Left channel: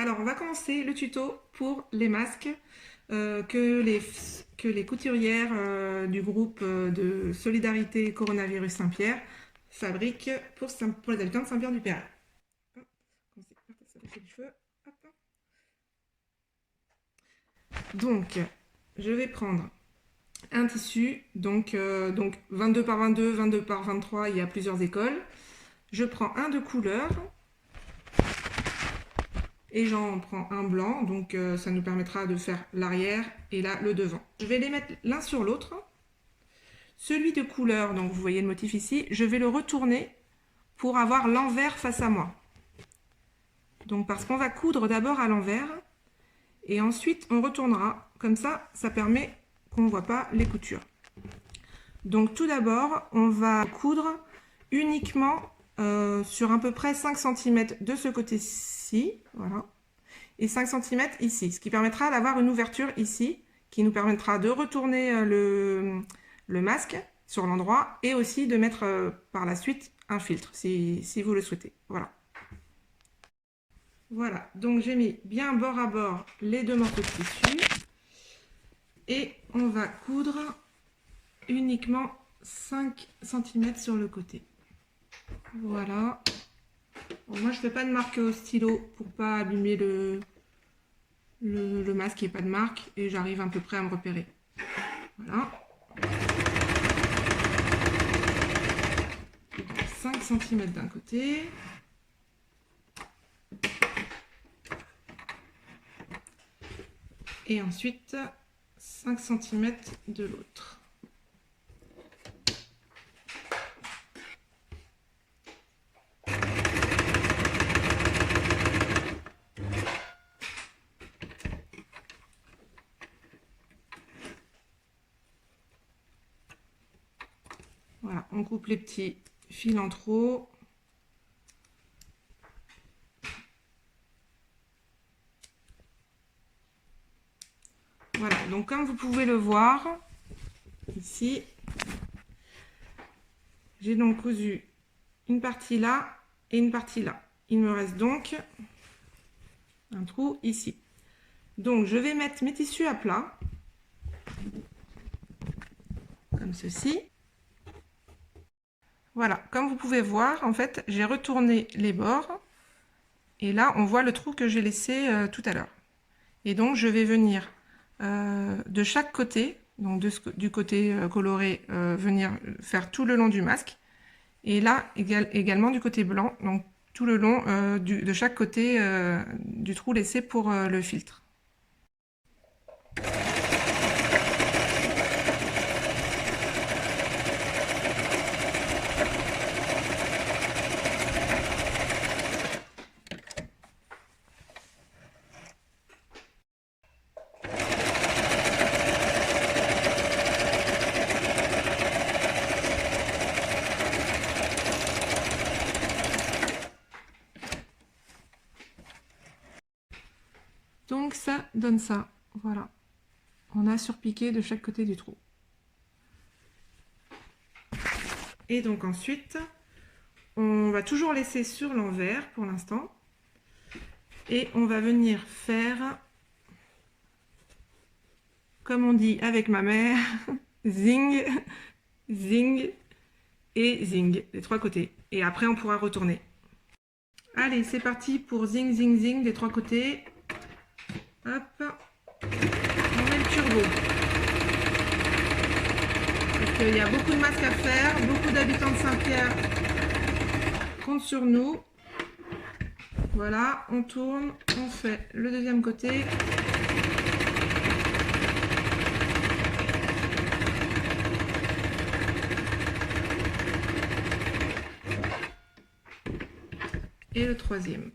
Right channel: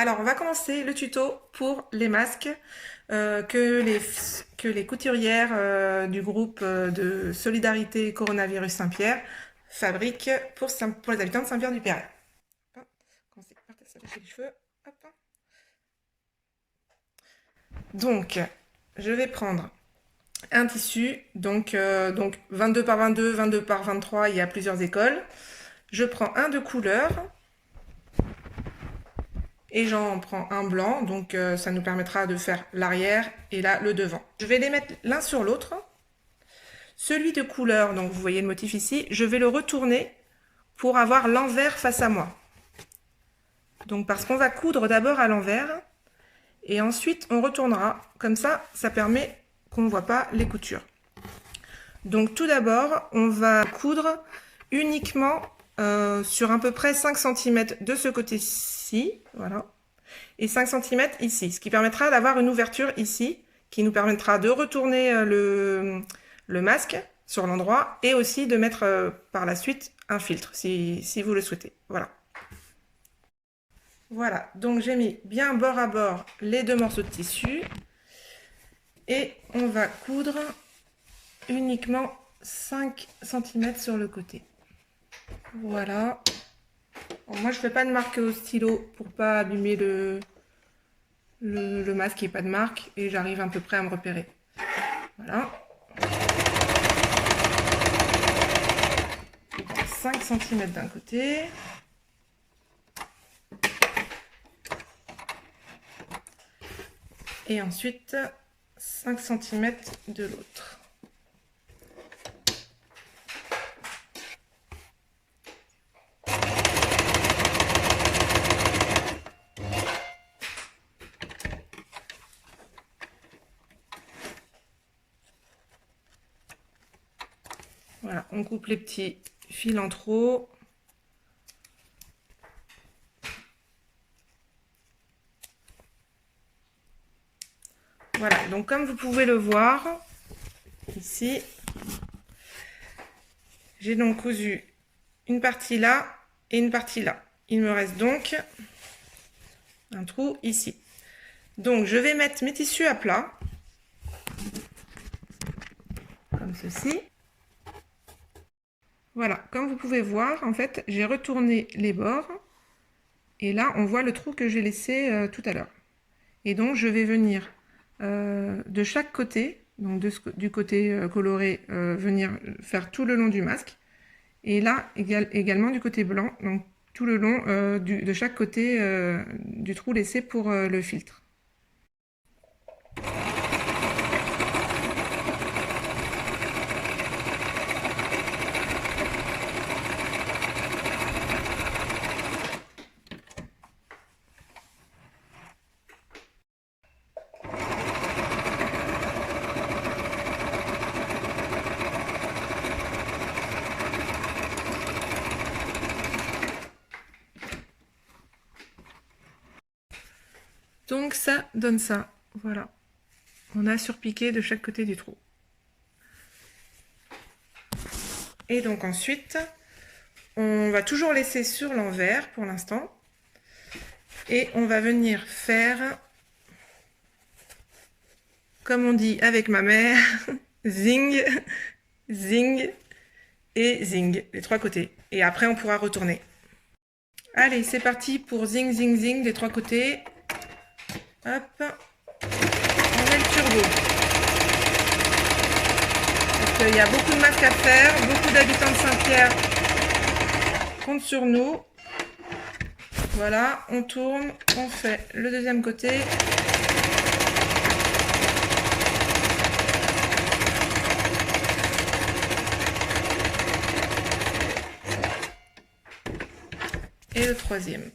Alors, on va commencer le tuto pour les masques que les couturières du groupe de solidarité coronavirus Saint-Pierre fabriquent pour les habitants de Saint-Pierre-du-Perret. Hop, commencer par s'attacher les cheveux. Hop. Donc, je vais prendre un tissu, donc 22 par 22, 22 par 23, il y a plusieurs écoles. Je prends un de couleur. Et j'en prends un blanc, donc ça nous permettra de faire l'arrière et là le devant. Je vais les mettre l'un sur l'autre. Celui de couleur, donc vous voyez le motif ici, je vais le retourner pour avoir l'envers face à moi. Donc parce qu'on va coudre d'abord à l'envers et ensuite on retournera. Comme ça, ça permet qu'on ne voit pas les coutures. Donc tout d'abord, on va coudre uniquement sur à peu près 5 cm de ce côté-ci, voilà, et 5 cm ici, ce qui permettra d'avoir une ouverture ici, qui nous permettra de retourner le masque sur l'endroit, et aussi de mettre par la suite un filtre, si vous le souhaitez, voilà. Voilà, donc j'ai mis bien bord à bord les deux morceaux de tissu, et on va coudre uniquement 5 cm sur le côté. Voilà. Bon, moi, je ne fais pas de marque au stylo pour pas abîmer le masque qui n'est pas de marque et j'arrive à peu près à me repérer. Voilà. 5 cm d'un côté. Et ensuite 5 cm de l'autre. Voilà, on coupe les petits fils en trop. Voilà, donc comme vous pouvez le voir, ici, j'ai donc cousu une partie là et une partie là. Il me reste donc un trou ici. Donc je vais mettre mes tissus à plat, comme ceci. Voilà, comme vous pouvez voir, en fait, j'ai retourné les bords. Et là, on voit le trou que j'ai laissé tout à l'heure. Et donc, je vais venir de chaque côté, donc du côté coloré, venir faire tout le long du masque. Et là, également du côté blanc, donc tout le long de chaque côté du trou laissé pour le filtre. Donc ça donne ça, voilà. On a surpiqué de chaque côté du trou. Et donc ensuite, on va toujours laisser sur l'envers pour l'instant. Et on va venir faire, comme on dit avec ma mère, zing, zing et zing, les trois côtés. Et après, on pourra retourner. Allez, c'est parti pour zing, zing, zing des trois côtés. Hop, on met le turbo. Parce qu'il y a beaucoup de masques à faire, beaucoup d'habitants de Saint-Pierre comptent sur nous. Voilà, on tourne, on fait le deuxième côté. Et le troisième.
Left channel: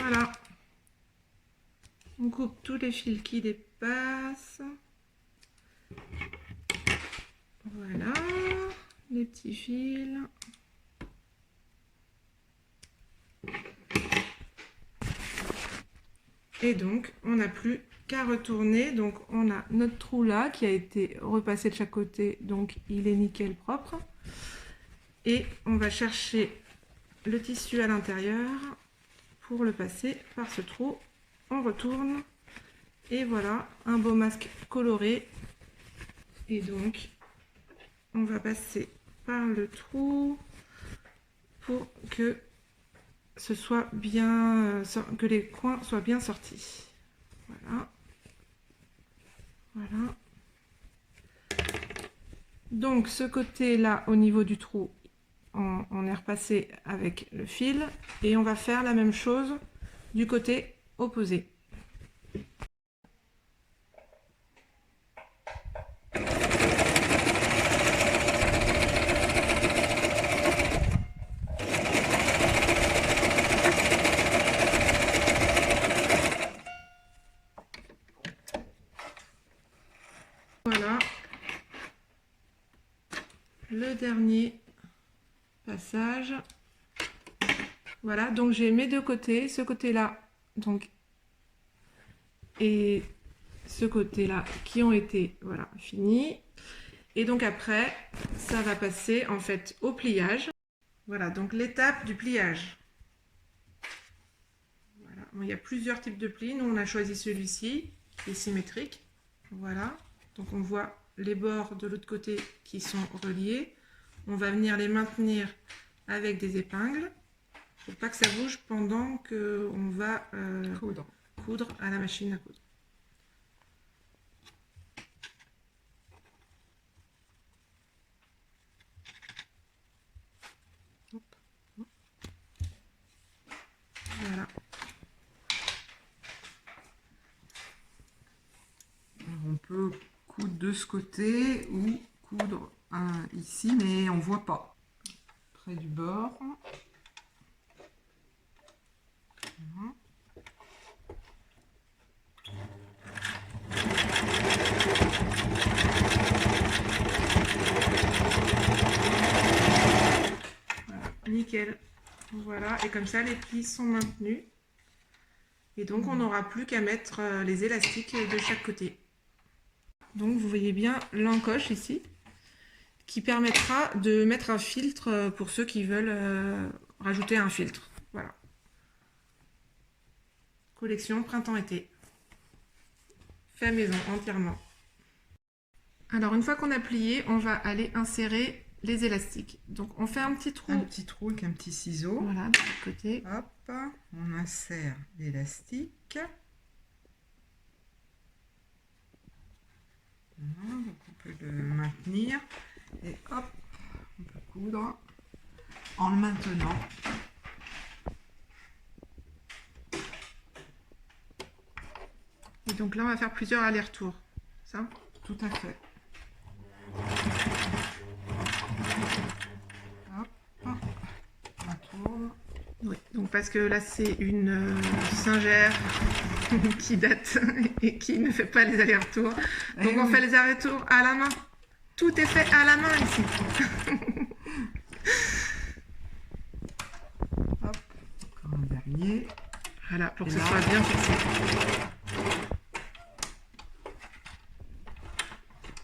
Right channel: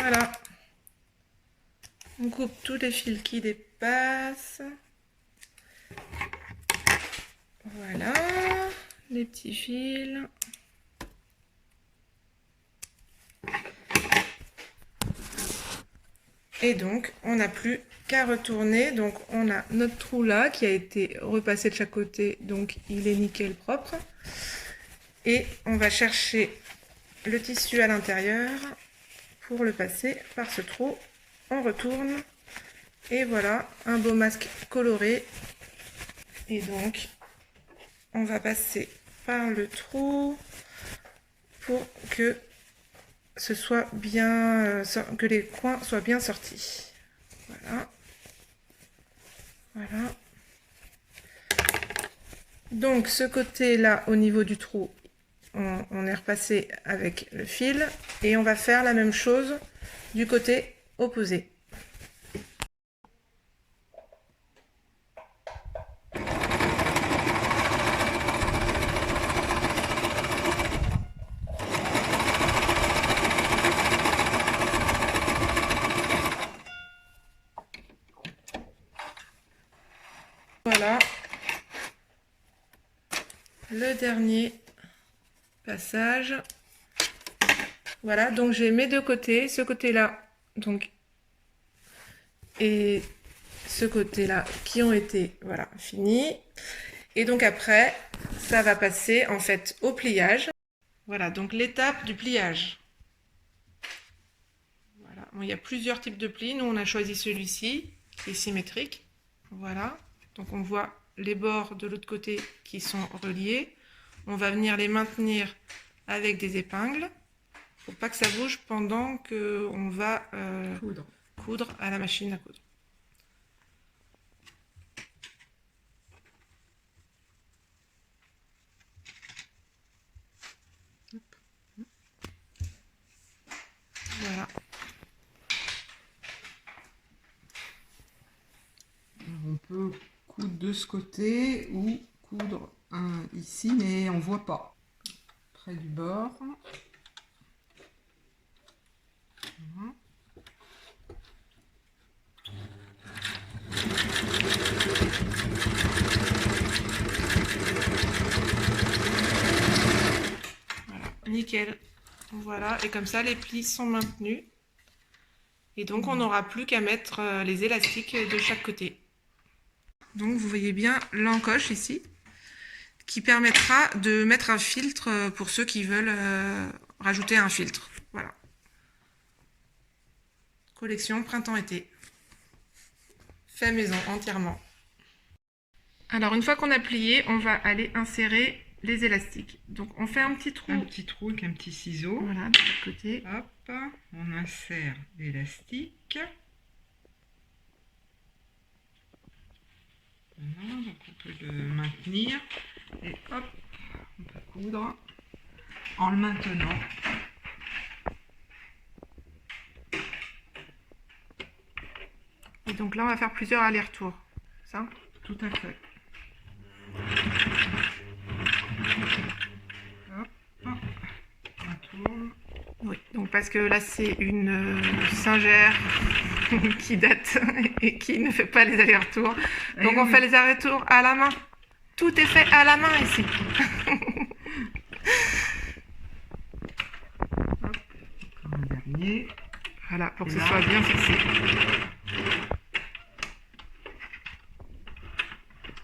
Voilà. On coupe tous les fils qui dépassent. Voilà, les petits fils. Et donc, on n'a plus qu'à retourner. Donc, on a notre trou là qui a été repassé de chaque côté. Donc, il est nickel propre. Et on va chercher le tissu à l'intérieur pour le passer par ce trou. On retourne. Et voilà, un beau masque coloré. Et donc, on va passer par le trou pour que ce soit bien, que les coins soient bien sortis. Voilà. Voilà. Donc ce côté-là, au niveau du trou, on est repassé avec le fil et on va faire la même chose du côté opposé. Voilà le dernier passage. Voilà, donc j'ai mes deux côtés, ce côté-là donc et ce côté-là qui ont été voilà finis. Et donc après, ça va passer en fait au pliage. Voilà, donc l'étape du pliage. Voilà, bon, il y a plusieurs types de plis. Nous, on a choisi celui-ci qui est symétrique. Voilà, donc on voit les bords de l'autre côté qui sont reliés. On va venir les maintenir avec des épingles pour pas que ça bouge pendant qu'on va coudre à la machine à coudre. Voilà. Alors on peut coudre de ce côté ou coudre ici, mais on voit pas près du bord. Voilà. Voilà, nickel. Voilà, et comme ça les plis sont maintenus. Et donc on n'aura plus qu'à mettre les élastiques de chaque côté. Donc vous voyez bien l'encoche ici, qui permettra de mettre un filtre pour ceux qui veulent rajouter un filtre. Voilà. Collection printemps-été. Fait maison entièrement. Alors une fois qu'on a plié, on va aller insérer les élastiques. Donc on fait un petit trou. Un petit trou avec un petit ciseau. Voilà, de l'autre côté. Hop, on insère l'élastique. Voilà, donc on peut le maintenir. Et hop, on peut coudre en le maintenant. Et donc là, on va faire plusieurs allers-retours. Ça ? Tout à fait. Hop, on tourne. Oui, donc parce que là, c'est une singère qui date et qui ne fait pas les allers-retours. Donc on fait les allers-retours à la main. Tout est fait à la main ici. Hop, encore un dernier. Voilà, pour que ce soit bien fixé.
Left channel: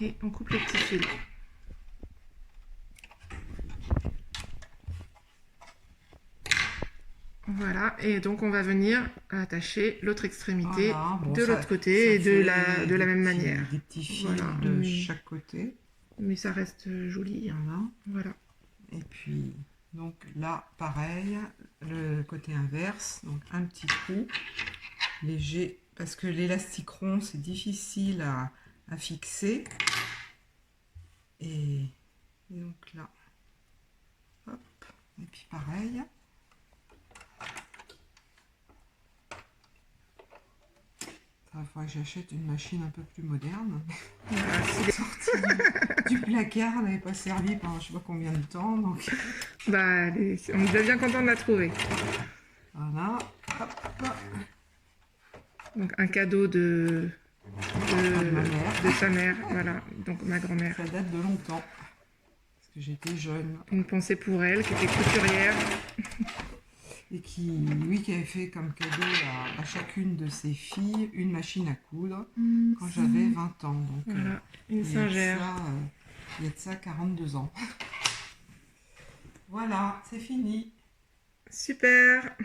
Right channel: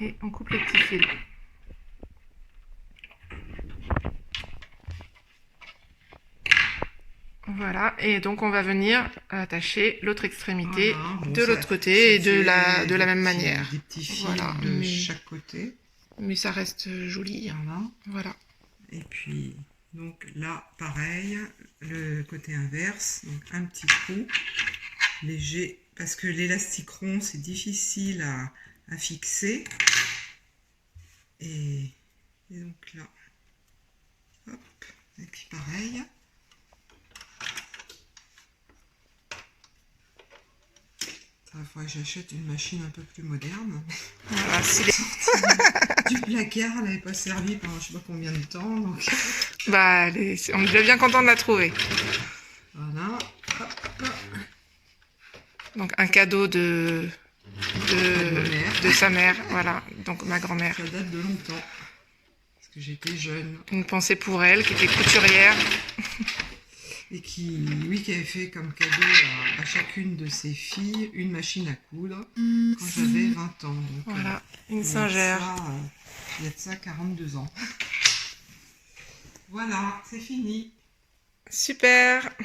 Et on coupe les petits fils. Voilà, et donc on va venir attacher l'autre extrémité de l'autre côté et de la même manière. Des petits fils voilà, de chaque côté. Mais ça reste joli. Voilà. Et puis, donc là, pareil, le côté inverse, donc un petit trou léger, parce que l'élastique rond, c'est difficile à fixer. Et donc là, hop, et puis pareil. Il faudrait que j'achète une machine un peu plus moderne. Voilà, du placard, elle n'avait pas servi pendant je sais pas combien de temps. Donc... Bah, on est déjà bien content de la trouver. Voilà. Hop. Donc un cadeau de sa mère, voilà, donc ma grand-mère. Ça date de longtemps, parce que j'étais jeune. Une pensée pour elle, qui était couturière. et qui avait fait comme cadeau à chacune de ses filles une machine à coudre quand j'avais 20 ans. Donc, voilà, une Singer. Il y a de ça 42 ans. Voilà, c'est fini. Super.